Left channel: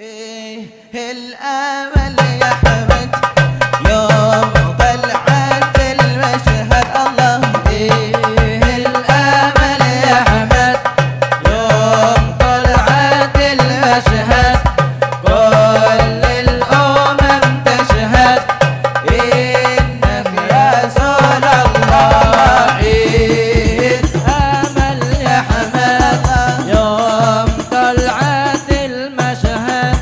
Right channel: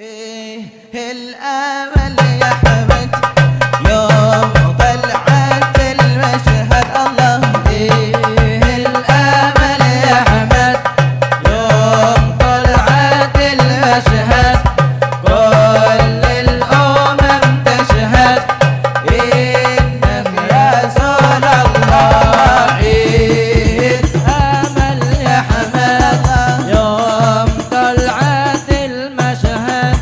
الامل يا حمد يوم طلعت المشهد الله الامل يا حمد يوم طلعت المشهد كل الامم تشهد انك رسول الله الامل يا حمد يوم طلعت المشهد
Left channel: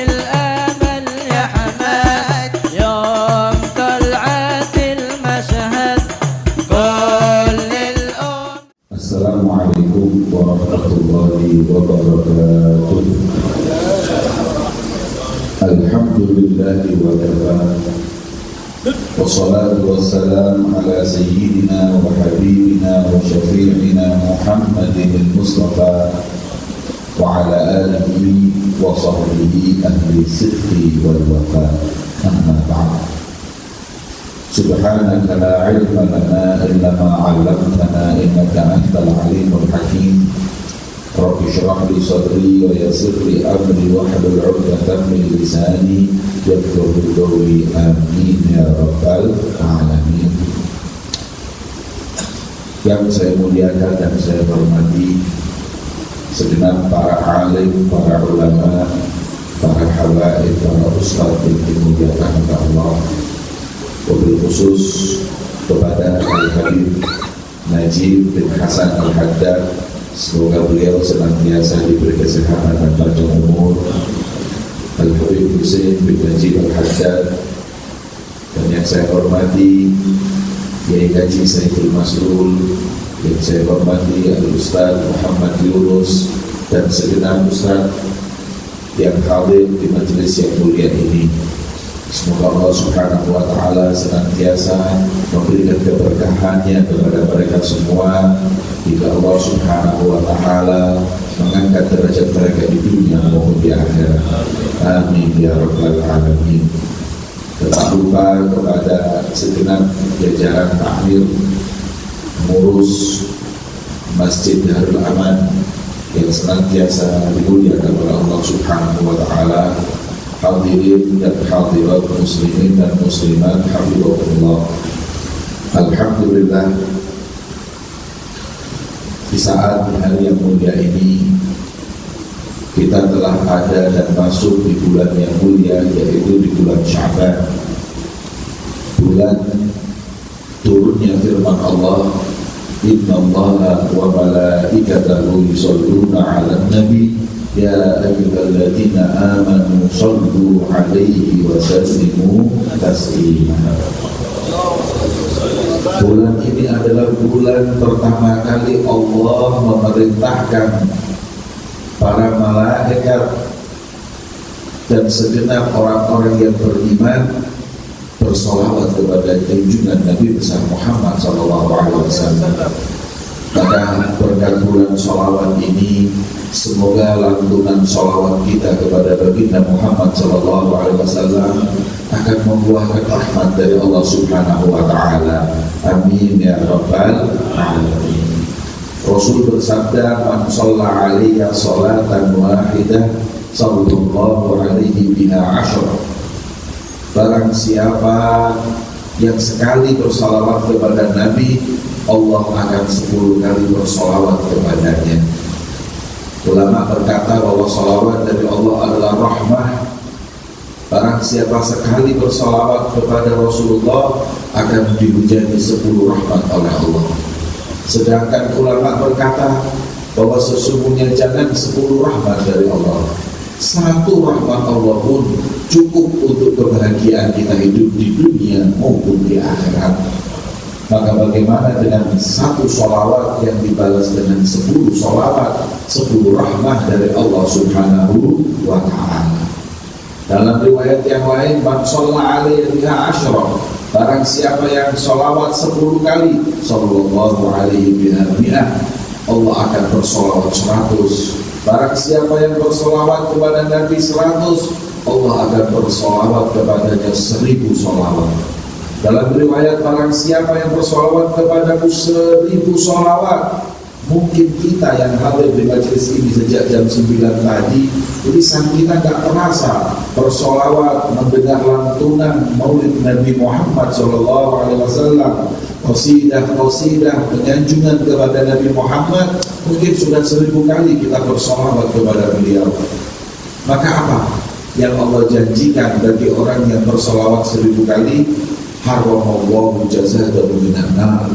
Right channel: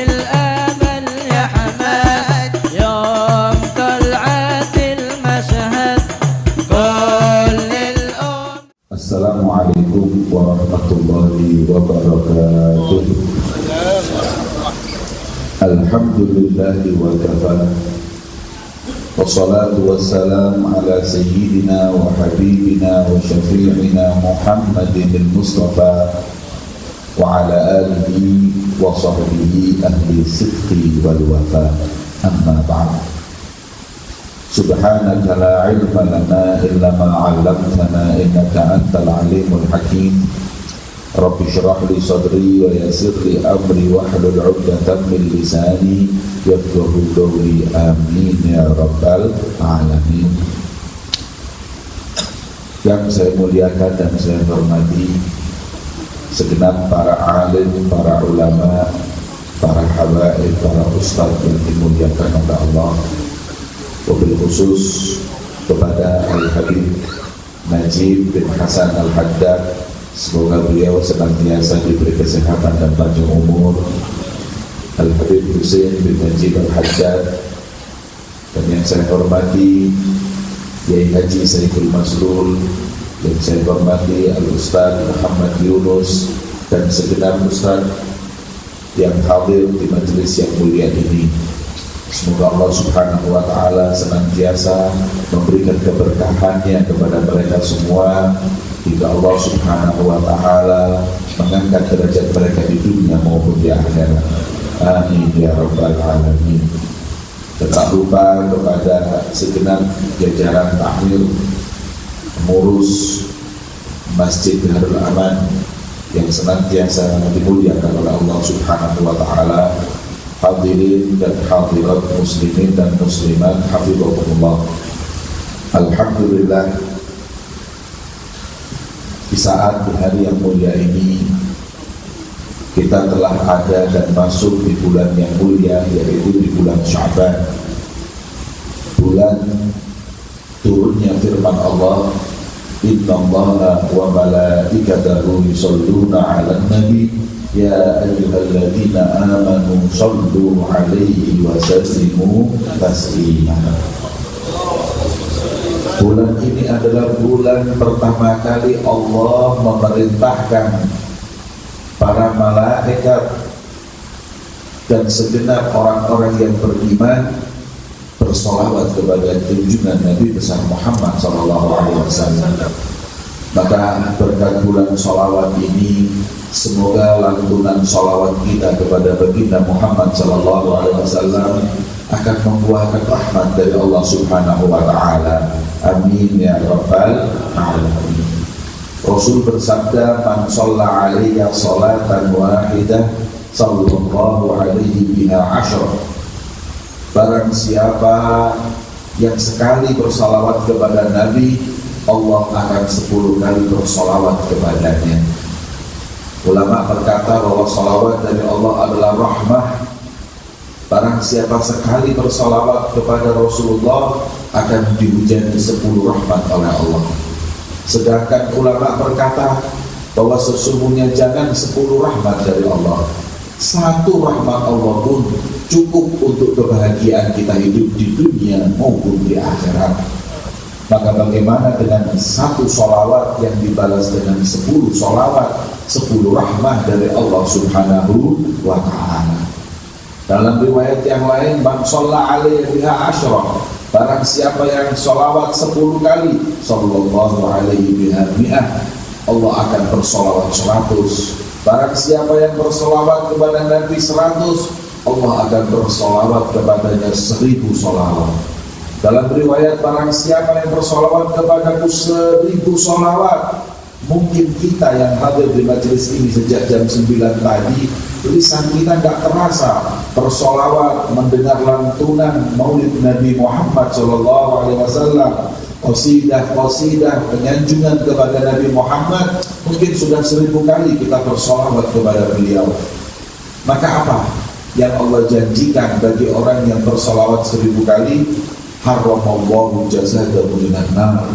الامل يا حمد يوم طلعت المشهد كل الامم. السلام عليكم ورحمة الله وبركاته. الحمد لله وكفى والصلاة والسلام على سيدنا وحبيبنا وشفيعنا محمد المصطفى وعلى آله وصحبه أهل الصدق والوفاء. أما بعد، سبحانك لا علم لنا إلا ما علمتنا إنك أنت العليم الحكيم. رب اشرح لي صدري ويسر لي أمري واحلل عقدة من لساني يفقهوا قولي. آمين يا رب العالمين. Yang saya muliakan dan saya hormati segenap para alim, para ulama, para habaib, para ustaz yang dimuliakan oleh Allah, wabil khusus kepada Al-Habib Najib bin Hasan Al-Haddad, semoga beliau senantiasa diberi kesehatan dan panjang umur. Al-Habib Husain bin Najib Al-Haddad, dan yang saya hormati Yai Haji Saiful Masrul, yang saya hormati Al-Ustaz Muhammad Yunus, dan segenap ustaz yang hadir di majelis yang mulia ini. Semoga Allah Subhanahu wa Ta'ala senantiasa memberikan keberkahannya kepada mereka semua, hingga Allah Subhanahu wa Ta'ala mengangkat derajat mereka di dunia maupun di akhirat. Amin ya rabbal alamin. Tak lupa kepada segenap jajaran takmir pengurus Masjid Darul Aman yang senantiasa dimuliakan oleh Allah Subhanahu wa Ta'ala, hadirin dan hadirat muslimin dan muslimat hafizahullah. Alhamdulillah, di saat di hari yang mulia ini kita telah ada dan masuk di bulan yang mulia, yaitu di bulan Sya'ban, bulan turunnya firman Allah, innallaha wa malaikatahu yusholluna 'alan nabi ya ayyuhalladzina amanu shollu 'alaihi wa sallimu taslima. Bulan ini adalah bulan pertama kali Allah memerintahkan para malaikat dan segenap orang-orang yang beriman bersolawat kepada junjungan Nabi besar Muhammad SAW. Pada berkat bulan solawat ini, semoga lantunan solawat kita kepada baginda Muhammad SAW akan membuahkan rahmat dari Allah Subhanahu wa Ta'ala. Amin ya rabbal alamin. Rasul bersabda, man shalla alaiya salatan wahidah sallallahu alaihi biha ashar. Barang siapa yang sekali bersalawat kepada Nabi, Allah akan 10 kali bersalawat kepadanya. Ulama berkata bahwa salawat dari Allah adalah rahmah. Barang siapa sekali bersalawat kepada Rasulullah akan dihujani 10 rahmat oleh Allah. Sedangkan ulama berkata bahwa sesungguhnya jangan 10 rahmat dari Allah, 1 rahmat Allah pun cukup untuk kebahagiaan kita hidup di dunia maupun di akhirat. Maka bagaimana dengan 1 sholawat yang dibalas dengan 10 sholawat, 10 rahmah dari Allah Subhanahu wa Ta'ala. Dalam riwayat yang lain, man shalla alaihi biha asyra, barang siapa yang sholawat 10 kali, sallallahu alaihi biha mi'ah, Allah akan bersolawat 100. Barang siapa yang bersolawat kepada Nabi 100, Allah akan bersolawat kepadanya 1000 solawat. Dalam riwayat, barang siapa yang bersolawat kepadaku 1000 solawat, Mungkin kita yang hadir di majelis ini sejak jam 9 tadi, lisan kita nggak terasa bersolawat, mendengar lantunan maulid Nabi Muhammad SAW, qasidah penyanjungan kepada Nabi Muhammad. Mungkin sudah 1000 kali kita bersolawat kepada beliau. Maka apa yang Allah janjikan bagi orang yang bersolawat 1000 kali? Haramallahu jazadahu minan nar.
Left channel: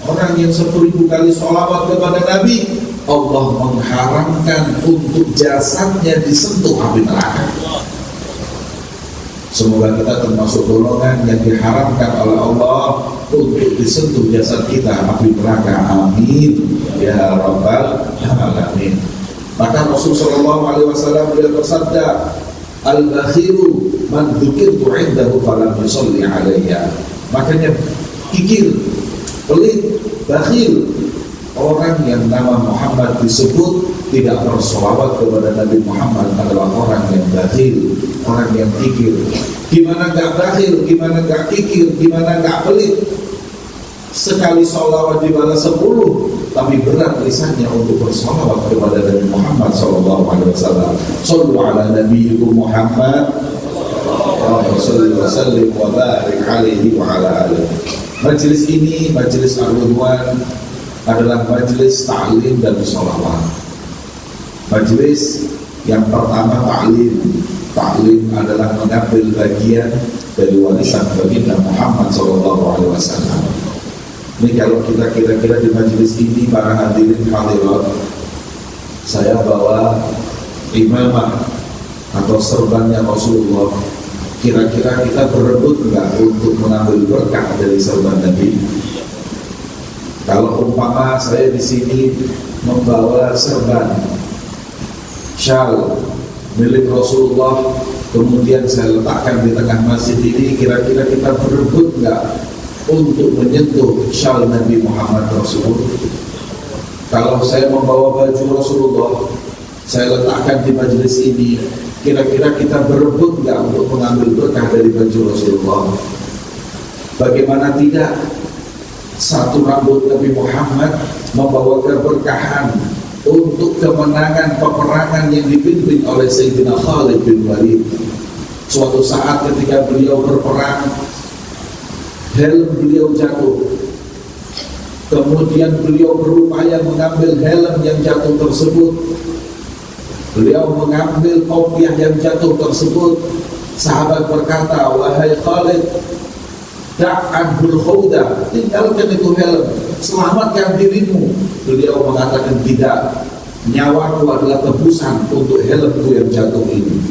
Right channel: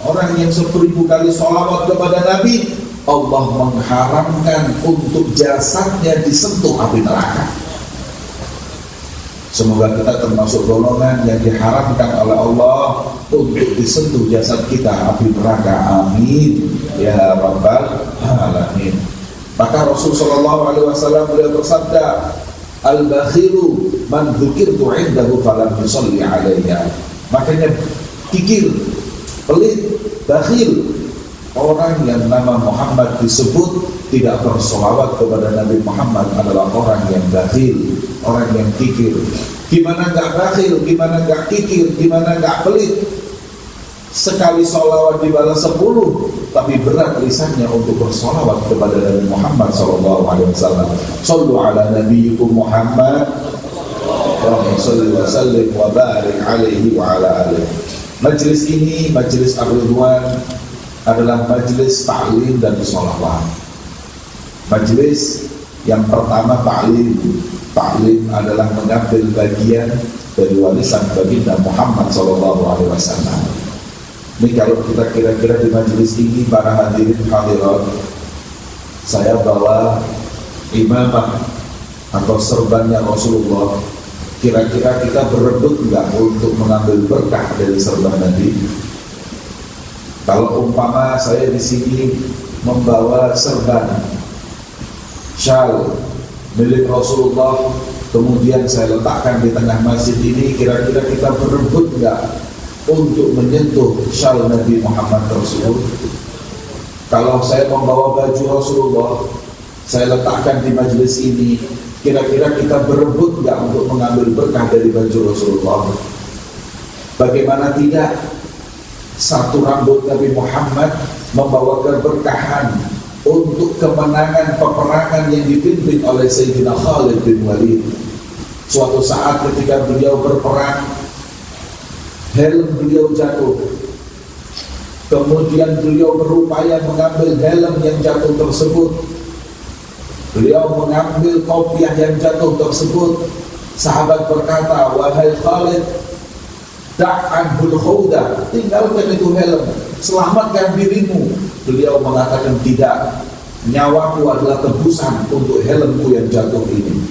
Orang yang 1000 kali sholawat kepada Nabi, Allah mengharamkan untuk jasadnya disentuh api neraka. Semoga kita termasuk golongan yang diharamkan oleh Allah untuk disentuh jasad kita api neraka. Amin ya rabbal alamin. Maka Rasulullah SAW beliau bersabda, al-bakhilu man dzukirtu 'indahu falam yusalli 'alayya. Makanya kikir, pelit, bakhil, orang yang nama Muhammad disebut tidak bersolawat kepada Nabi Muhammad adalah orang yang bakhil, orang yang kikir. Gimana gak bakhil, gimana gak kikir, gimana gak pelit? Sekali solawat dibalas 10, tapi berat lisannya untuk bersolawat kepada Nabi Muhammad SAW. Sallu ala nabiyyikum Muhammad wa sallim wa barik alaihi wa ala alihi. Majelis ini, majelis Ar-Ridwan, adalah majelis ta'lim dan sholawat. Majelis yang pertama ta'lim. Ta'lim adalah mengambil bagian dari warisan baginda Muhammad SAW. Ini kalau kita kira-kira di majelis ini, para hadirin hadirat, saya bawa imamah atau serbannya Rasulullah. Kira-kira kita berebut enggak untuk mengambil berkah dari serban Nabi? Kalau umpama saya di sini membawa serban syal milik Rasulullah, kemudian saya letakkan di tengah masjid ini, kira-kira kita berebut enggak untuk menyentuh syal Nabi Muhammad tersebut? Kalau saya membawa baju Rasulullah, saya letakkan di majelis ini, kira-kira kita berebut nggak untuk mengambil berkah dari baju Rasulullah? Bagaimana tidak, satu rambut Nabi Muhammad membawa keberkahan untuk kemenangan peperangan yang dipimpin oleh Sayyidina Khalid bin Walid. Suatu saat ketika beliau berperang, helm beliau jatuh. Kemudian beliau berupaya mengambil helm yang jatuh tersebut. Beliau mengambil kopiah yang jatuh tersebut. Sahabat berkata, wahai Khalid, da'anhul khawda, tinggalkan itu helm, selamatkan dirimu. Beliau mengatakan, tidak, nyawaku adalah tebusan untuk helmku yang jatuh ini.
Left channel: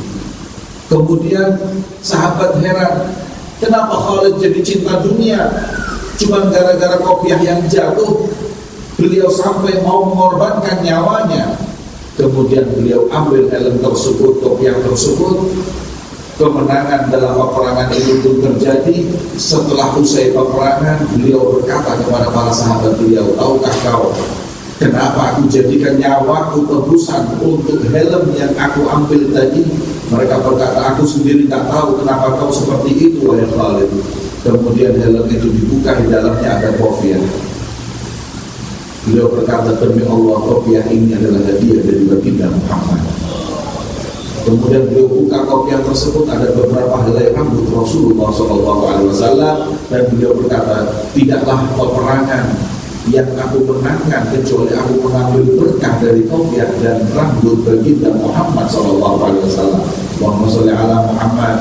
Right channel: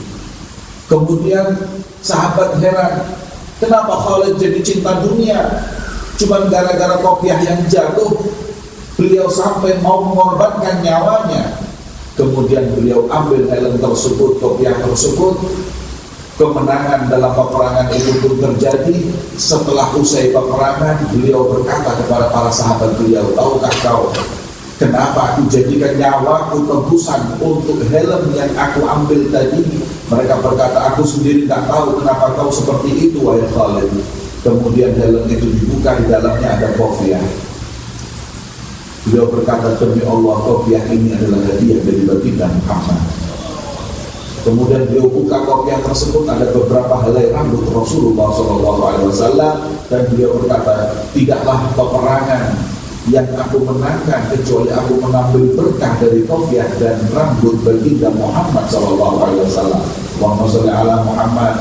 Kemudian sahabat heran, kenapa Khalid jadi cinta dunia? Cuma gara-gara kopiah yang jatuh, beliau sampai mau mengorbankan nyawanya. Kemudian beliau ambil helm tersebut, kopiah tersebut. Kemenangan dalam peperangan itu pun terjadi. Setelah usai peperangan, beliau berkata kepada para sahabat beliau, tahukah kau kenapa aku jadikan nyawaku tebusan untuk helm yang aku ambil tadi? Mereka berkata, aku sendiri tak tahu kenapa kau seperti itu, wahai Khalid. Kemudian helm itu dibuka, di dalamnya ada kopiah. Beliau berkata, demi Allah, kopiah ini adalah hadiah dari baginda Muhammad. Kemudian beliau buka kopiah tersebut, ada beberapa helai rambut Rasulullah SAW, dan beliau berkata, tidaklah peperangan yang aku menangkan kecuali aku mengambil berkah dari kopiah dan rambut baginda Muhammad SAW. Allahumma sholli ala Muhammad.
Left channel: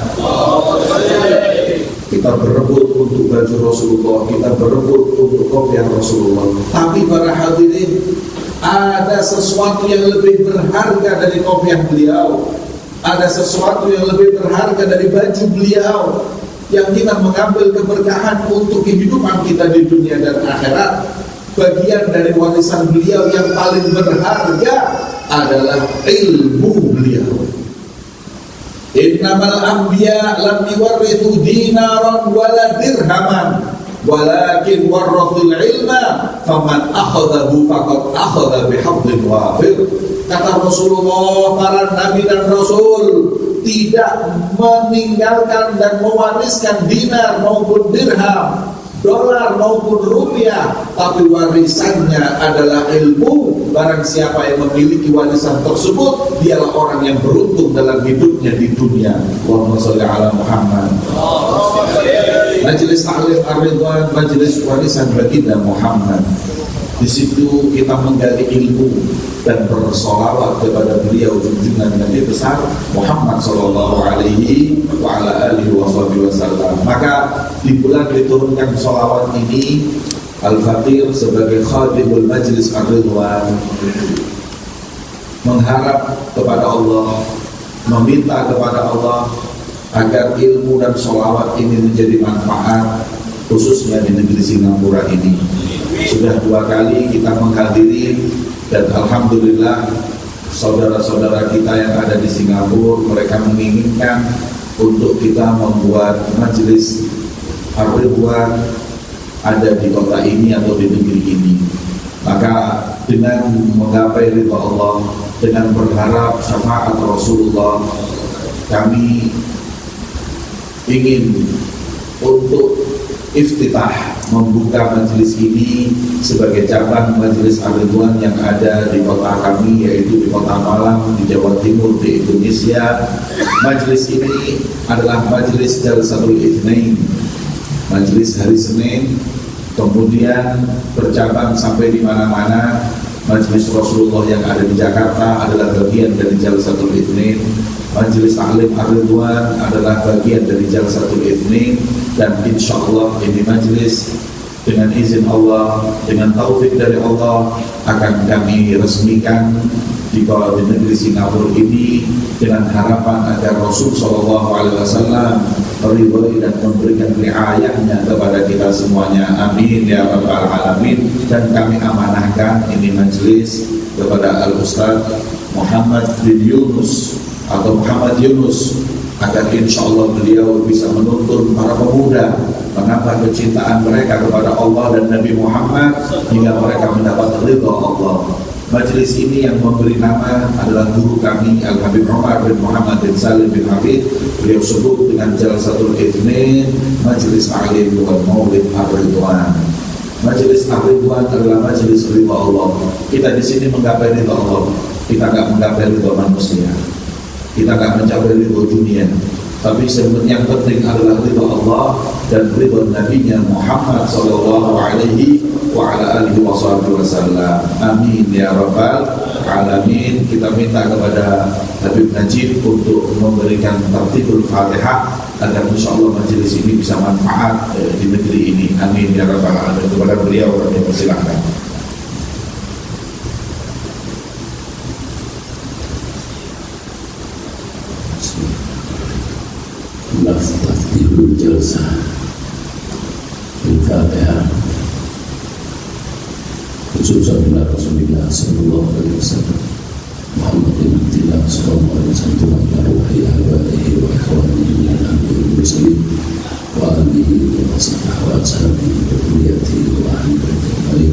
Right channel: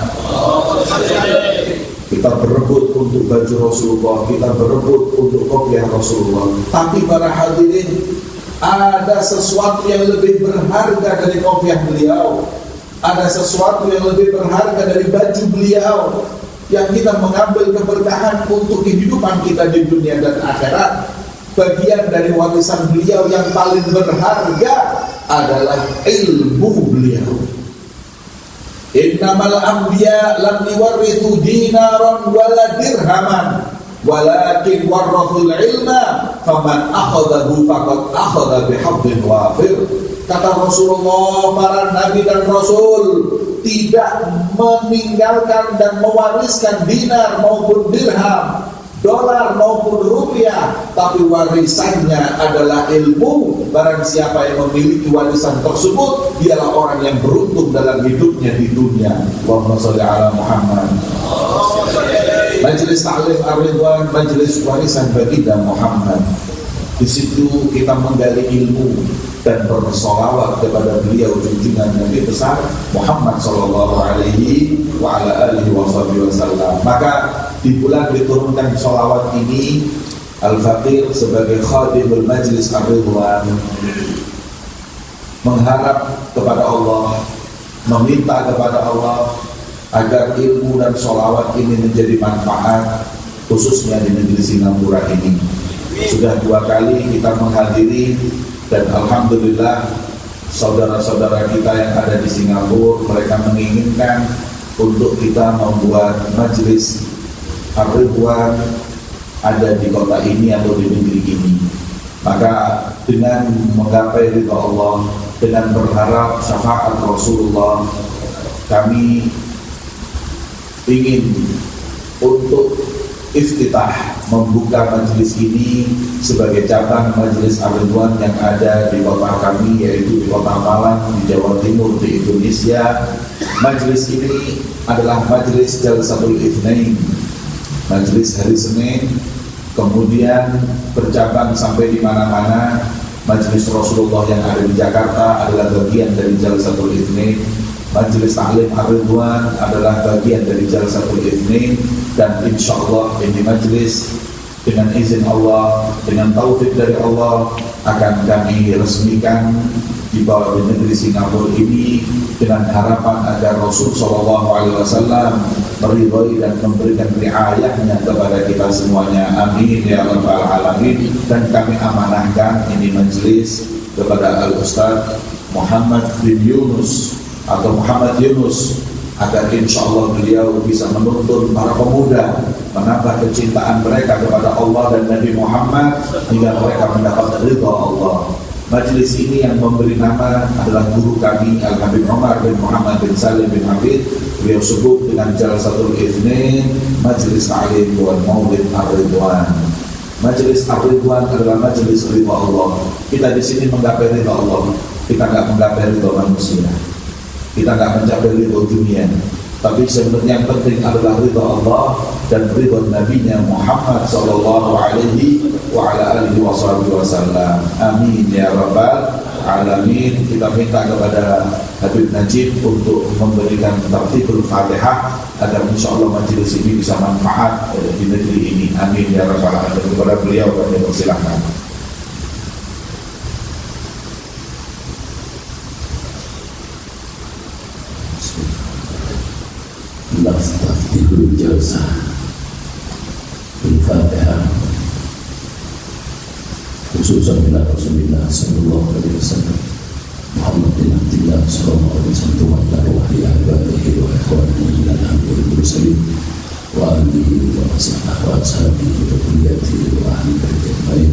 Kita berebut untuk baju Rasulullah, kita berebut untuk kopiah Rasulullah. Tapi para hadirin, ada sesuatu yang lebih berharga dari kopiah beliau. Ada sesuatu yang lebih berharga dari baju beliau, yang kita mengambil keberkahan untuk kehidupan kita di dunia dan akhirat. Bagian dari warisan beliau yang paling berharga adalah ilmu beliau. Innamal anbiya lam yuwarrithu dinaran wala dirhaman, walakin warrathul ilma, faman akhadahu faqad akhadha bihaddin wafir. Kata Rasulullah, para nabi dan rasul tidak meninggalkan dan mewariskan dinar maupun dirham, dolar maupun rupiah, tapi warisannya adalah ilmu. Barang siapa yang memiliki warisan tersebut, dialah orang yang beruntung dalam hidupnya di dunia. Allahumma sholli ala Muhammad. Majelis Ta'lim Ar-Ridwan, majelis warisan baginda Muhammad. Di situ kita menggali ilmu dan bersolawat kepada beliau junjungan Nabi besar Muhammad sallallahu alaihi wa ala alihi wasallam. Maka di bulan diturunkan solawat ini, Al-Faqir sebagai khadimul majlis Ar-Ridwan mengharap kepada Allah, meminta kepada Allah agar ilmu dan solawat ini menjadi manfaat khususnya di negeri Singapura ini. Sudah 2 kali kita menghadiri dan alhamdulillah saudara-saudara kita yang ada di Singapura, mereka menginginkan untuk kita membuat majelis Ar-Ridwan ada di kota ini atau di negeri ini. Maka dengan menggapai ridha Allah, dengan berharap syafaat Rasulullah, kami ingin untuk iftitah membuka majelis ini sebagai cabang majelis Ar-Ridwan yang ada di kota kami, yaitu di kota Malang, di Jawa Timur, di Indonesia. Majelis ini adalah majelis Jalsatul Itsnain, majelis hari Senin, kemudian bercabang sampai di mana-mana. Majelis Rasulullah yang ada di Jakarta adalah bagian dari Jalsatul Itsnain. Majelis Ta'lim Ar-Ridwan adalah bagian dari Jalsatul Itsnain. Dan insya Allah ini majelis dengan izin Allah, dengan taufik dari Allah, akan kami resmikan di bawah negeri Singapura ini dengan harapan agar Rasul SAW meridhai dan memberikan riayahnya kepada kita semuanya. Amin ya rabbal alamin. Dan kami amanahkan ini majelis kepada Al-Ustaz Muhammad bin Yunus atau Muhammad Yunus, agar insya Allah beliau bisa menuntun para pemuda, menambah kecintaan mereka kepada Allah dan Nabi Muhammad hingga mereka mendapat ridha Allah. Majelis ini yang memberi nama adalah guru kami Al-Habib Umar bin Muhammad bin Salim bin Hafid. Beliau sebut dengan Jalsatul Itsnain, Majelis Ta'lim wal Maulid Ar-Ridwan. Majelis Ar-Ridwan adalah majelis ridha Allah. Kita di sini menggapai ridha Allah, kita nggak menggapai ridha manusia. Kita akan mencapai ridho dunia, tapi sebenarnya yang penting adalah ridho Allah dan ridho Nabi-Nya Muhammad sallallahu alaihi wa ala alihi wasallam. Amin ya rabbal alamin. Kita minta kepada Habib Najib untuk memberikan tartibul Fatihah agar insyaallah majelis ini bisa manfaat di negeri ini. Amin ya rabbal alamin. Kepada beliau kami persilahkan. Taftihul Jalsah Al-Fatihah. Khususan bila Rasulullah sallallahu alaihi wasallam Muhammad bin Abdullah sallallahu alaihi wasallam wa ala ruhi ahbaihi wa ikhwanihi ila nabiyil mursalin wa alihi wa ashabihi wa kulliyatihi wa ahli baitihi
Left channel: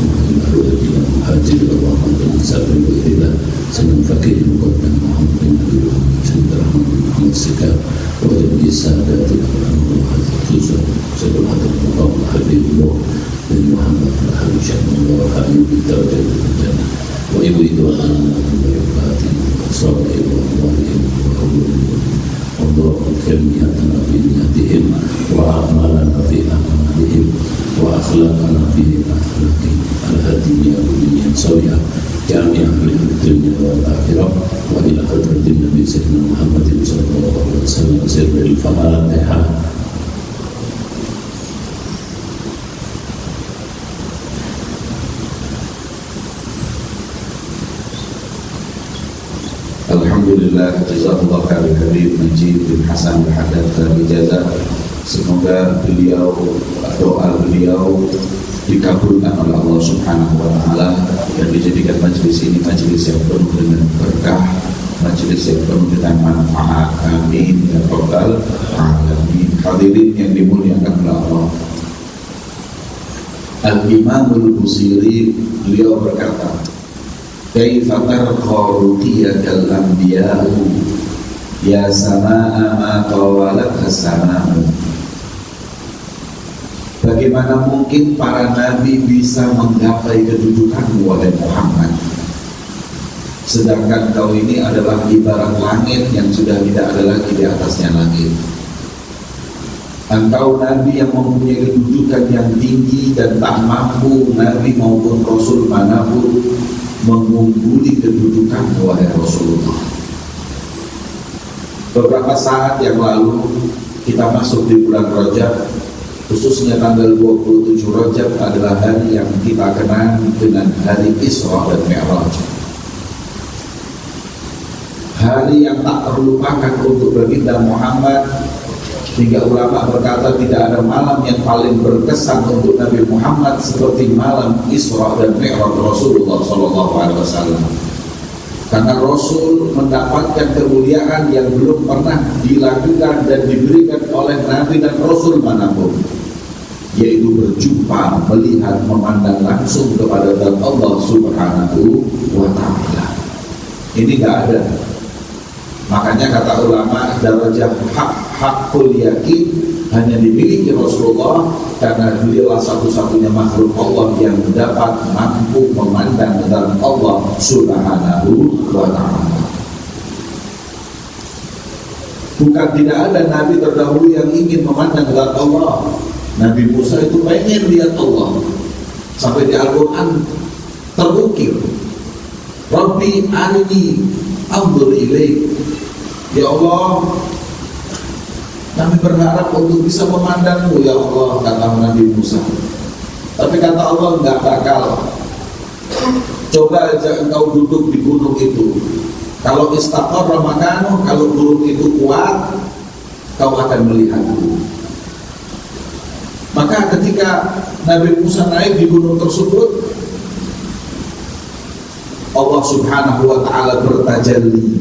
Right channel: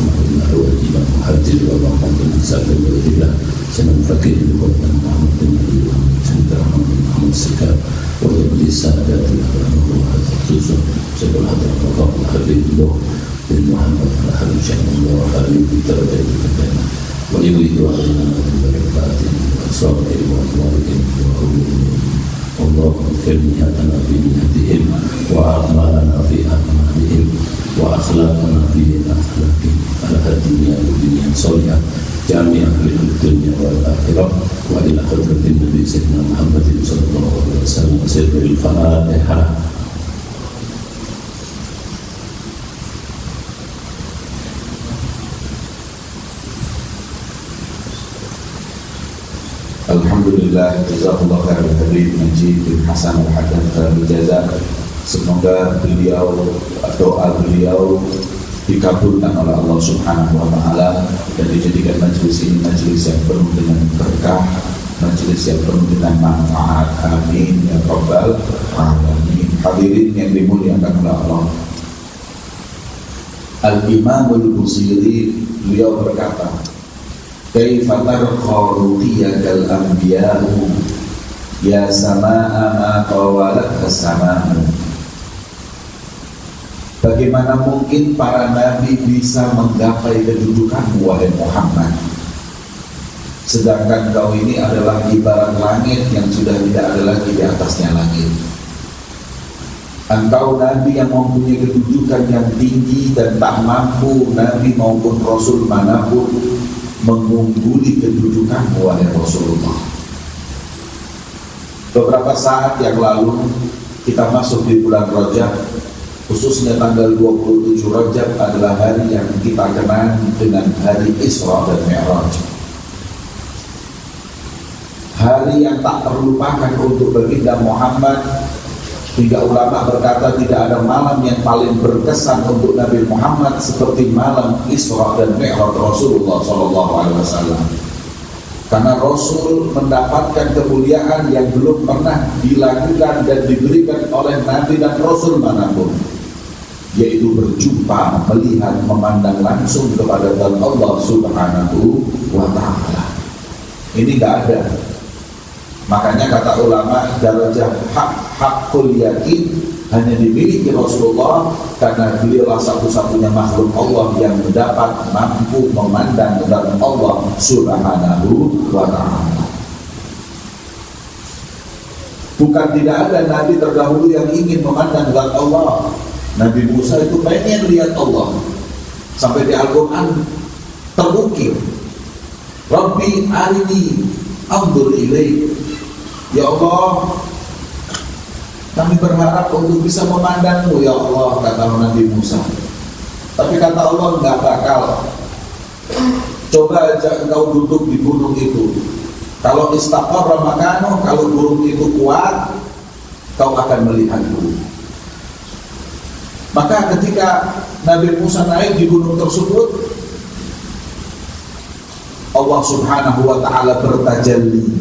wa ila muhajir wa rahmatan sabil billah sanan fakir muqaddam Muhammad bin Abdullah sallallahu alaihi wasallam وجب السادات الأمر خصوصا سبب حضر مقام حبيب الله بن محمد أهل شأن الله وآله بالدرجة الجنة ويريد أن البركات وأسرار وأموالهم وأولهم والله اغفر نياتنا في نياتهم وأعمالنا في أعمالهم وأخلاقنا في أخلاقهم على الدنيا والدنيا صالحة جامعة من الدنيا والآخرة وإلى حضرة النبي سيدنا محمد صلى الله عليه وسلم سر الفاتحة. Alhamdulillah, jazakallah khairan Habib Najib bin Hasan Al-Haddad khairul jazaa. Semoga beliau, doa beliau dikabulkan oleh Allah Subhanahu wa taala dan dijadikan majelis ini majelis yang penuh dengan berkah, majelis yang penuh dengan manfaat. Amin ya rabbal alamin. Hadirin yang dimuliakan oleh Allah. Al-Imam Al-Busiri beliau berkata, "Kaifa tarqa ruqiyakal anbiya'u ya samaa'a ma tawalatha as-samaa'u." Bagaimana mungkin para nabi bisa menggapai kedudukan wahai Muhammad, sedangkan kau ini adalah ibarat langit yang sudah tidak ada lagi di atasnya langit. Engkau nabi yang mempunyai kedudukan yang tinggi dan tak mampu nabi maupun rasul manapun mengungguli kedudukan wahai Rasulullah. Beberapa saat yang lalu kita masuk di bulan Rajab, khususnya tanggal 27 Rajab adalah hari yang kita kenal dengan hari Isra dan Mi'raj. Hari yang tak terlupakan untuk baginda Muhammad, hingga ulama berkata tidak ada malam yang paling berkesan untuk Nabi Muhammad seperti malam Isra dan Mi'raj Rasulullah SAW. Karena Rasul mendapatkan kemuliaan yang belum pernah dilakukan dan diberikan oleh Nabi dan Rasul manapun, yaitu berjumpa, melihat, memandang langsung kepada Allah Subhanahu wa Ta'ala. Ini gak ada. Makanya kata ulama, darajat hakul yakin hanya dimiliki Rasulullah karena beliaulah satu-satunya makhluk Allah yang dapat mampu memandang kepada Allah Subhanahu wa Ta'ala. Bukan tidak ada nabi terdahulu yang ingin memandang kepada Allah. Nabi Musa itu pengen lihat Allah. Sampai di Al-Quran terukir, Rabbi arini anzur ilaik. Ya Allah, kami berharap untuk bisa memandangmu ya Allah, kata Nabi Musa. Tapi kata Allah, enggak bakal. Coba aja engkau duduk di gunung itu. Kalau istaqarra makanu, kalau gunung itu kuat, kau akan melihatku. Maka ketika Nabi Musa naik di gunung tersebut, Allah Subhanahu wa Ta'ala bertajalli,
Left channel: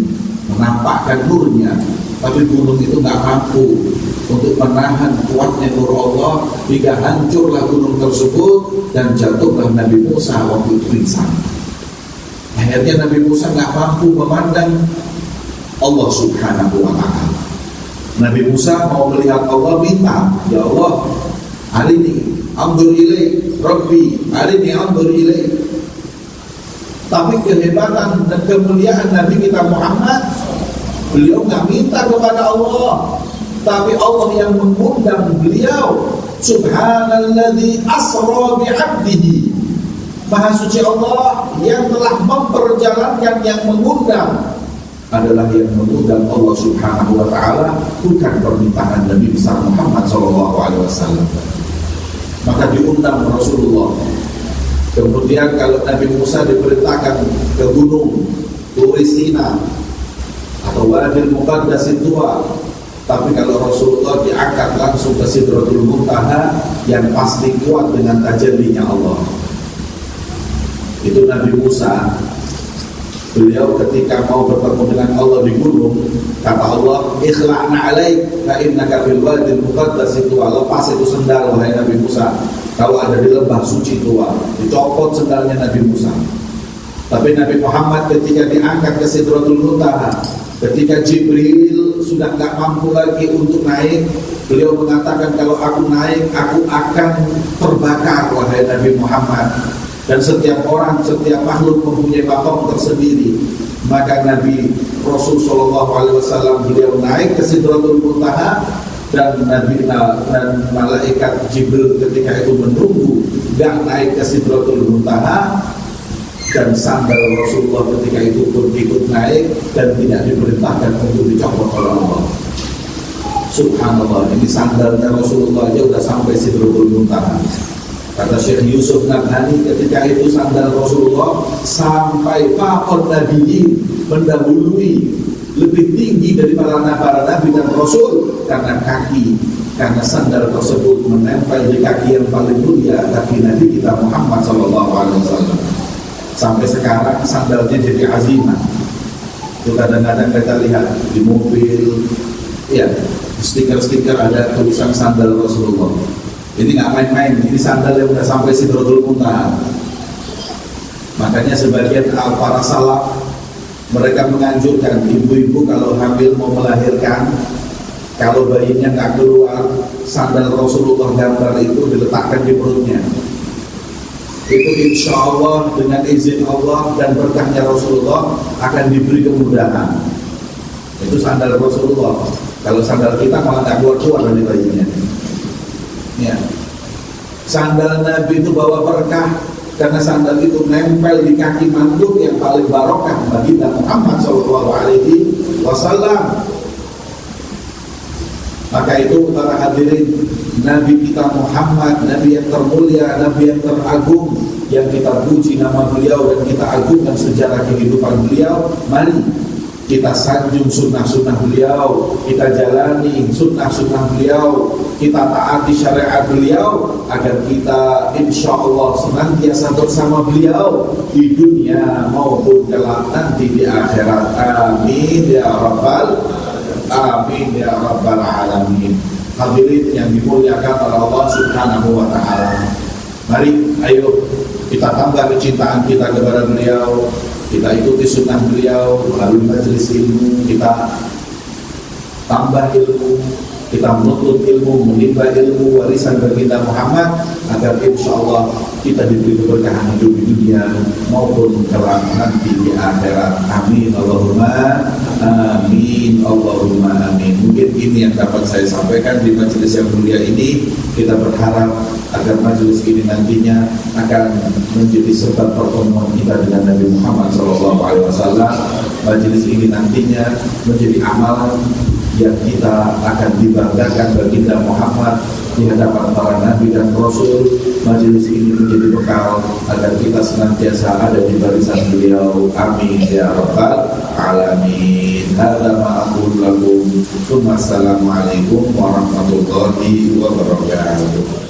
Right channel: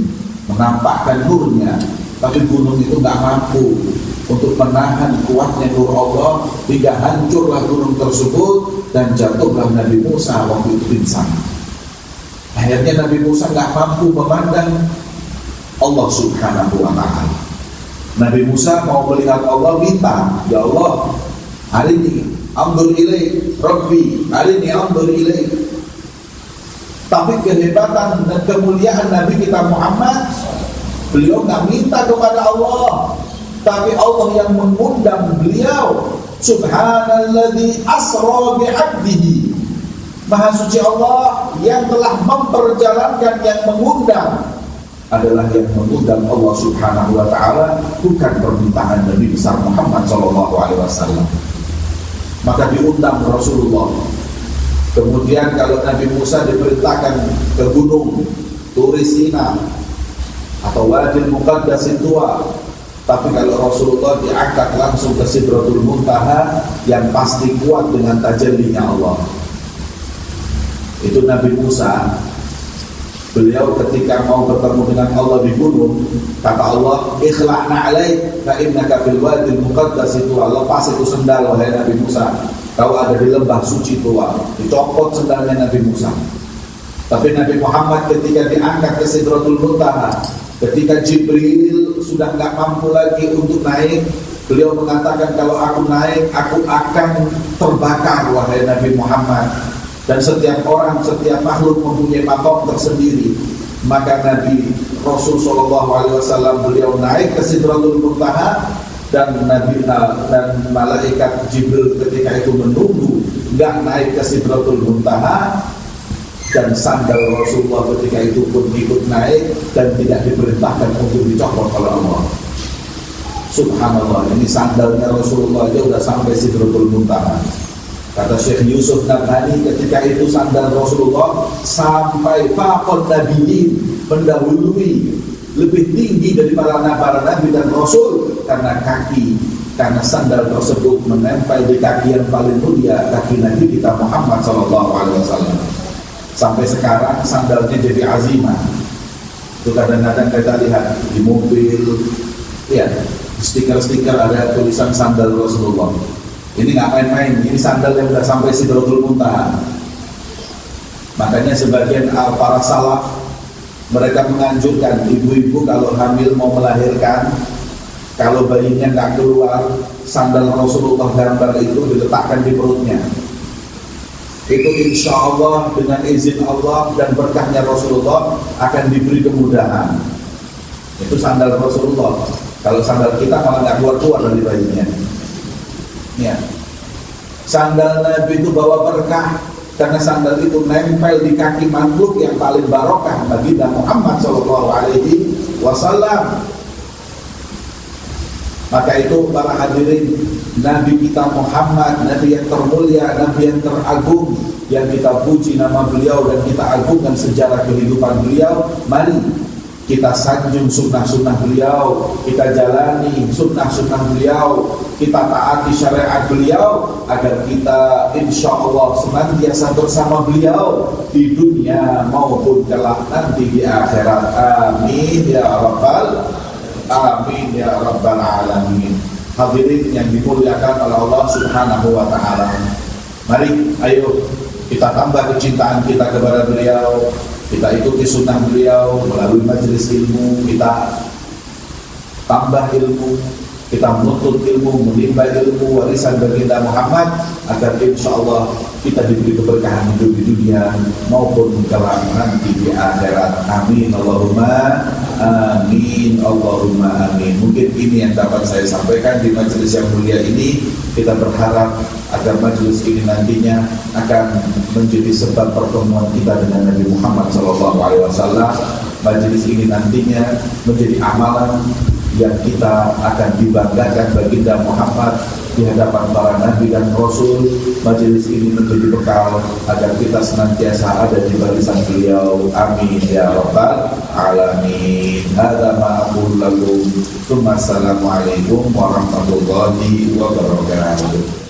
menampakkan nurnya, tapi gunung itu gak mampu untuk menahan kuatnya nur Allah, hingga hancurlah gunung tersebut dan jatuhlah Nabi Musa waktu itu pingsan. Akhirnya Nabi Musa gak mampu memandang Allah Subhanahu wa Ta'ala. Nabi Musa mau melihat Allah, minta, ya Allah, hari ini anzur ilaik, Rabbi hari ini anzur ilaik. Tapi kehebatan dan kemuliaan Nabi kita Muhammad, beliau nggak minta kepada Allah, tapi Allah yang mengundang beliau. Subhanalladzi asra bi'abdihi. Maha suci Allah yang telah memperjalankan, yang mengundang adalah yang mengundang Allah Subhanahu wa Ta'ala, bukan permintaan Nabi besar Muhammad SAW. Maka diundang Rasulullah. Kemudian kalau Nabi Musa diperintahkan ke gunung Turi Sina atau Wadil Muqaddas Tua, tapi kalau Rasulullah diangkat langsung ke Sidratul Muntaha yang pasti kuat dengan tajallinya Allah. Itu Nabi Musa. Beliau ketika mau bertemu dengan Allah di gunung, kata Allah, ikhla'na alaik fa innaka fil wadil muqaddas Tua. Lepas itu sendal wahai Nabi Musa, kau ada di lembah suci Tua. Dicopot sendalnya Nabi Musa. Tapi Nabi Muhammad ketika diangkat ke Sidratul Muntaha, ketika Jibril sudah gak mampu lagi untuk naik, beliau mengatakan, kalau aku naik, aku akan terbakar wahai Nabi Muhammad. Dan setiap orang, setiap makhluk mempunyai maqam tersendiri. Maka Nabi Rasul SAW beliau naik ke Sidratul Muntaha, dan Nabi dan malaikat Jibril ketika itu menunggu, gak naik ke Sidratul Muntaha. Dan sandal Rasulullah ketika itu pun ikut naik dan tidak diperintahkan untuk dicopot oleh Allah. Subhanallah, ini sandalnya Rasulullah aja udah sampai Sidratul Muntaha. Kata Syekh Yusuf Nabhani, ketika itu sandal Rasulullah sampai faqad nabiyyin, mendahului, lebih tinggi daripada para nabi dan rasul, karena sandal tersebut menempel di kaki yang paling mulia, kaki Nabi kita Muhammad SAW. Sampai sekarang sandalnya jadi azimah. Itu kadang-kadang kita lihat di mobil, ya, stiker-stiker ada tulisan sandal Rasulullah. Ini nggak main-main, ini sandal yang sudah sampai Sidratul Muntaha. Makanya sebagian para salaf, mereka menganjurkan ibu-ibu kalau hamil mau melahirkan, Kalau bayinya nggak keluar, sandal Rasulullah gambar itu diletakkan di perutnya. Itu insya Allah dengan izin Allah dan berkahnya Rasulullah akan diberi kemudahan. Itu sandal Rasulullah. Kalau sandal kita malah nggak keluar dari bayinya. Ya. Sandal Nabi itu bawa berkah karena sandal itu nempel di kaki makhluk yang paling barokah bagi Nabi Muhammad SAW. Maka itu para hadirin, Nabi kita Muhammad, Nabi yang termulia, Nabi yang teragung, yang kita puji nama beliau dan kita agungkan sejarah kehidupan beliau. Mari kita sanjung sunnah-sunnah beliau, kita jalani sunnah-sunnah beliau, kita taati syariat beliau, agar kita insya Allah senantiasa bersama beliau di dunia maupun kelak nanti di akhirat. Amin ya rabbal amin ya rabbal alamin. Hadirin yang dimuliakan oleh Allah Subhanahu wa taala. Mari ayo kita tambah kecintaan kita kepada beliau. Kita ikuti sunnah beliau melalui majelis ilmu, kita tambah ilmu, kita menuntut ilmu, menimba ilmu warisan baginda Muhammad, agar insya Allah kita diberi keberkahan hidup di dunia maupun kelak nanti di akhirat. Amin Allahumma amin Allahumma amin. Mungkin ini yang dapat saya sampaikan di majelis yang mulia ini. Kita berharap agar majelis ini nantinya akan menjadi sebab pertemuan kita dengan Nabi Muhammad SAW. Majelis ini nantinya menjadi amalan yang kita akan dibanggakan baginda Muhammad di hadapan para nabi dan rasul. Majelis ini menjadi bekal agar kita senantiasa ada di barisan beliau. Amin ya rabbal alamin. Hadza ma aqulu lakum. Assalamualaikum warahmatullahi wabarakatuh.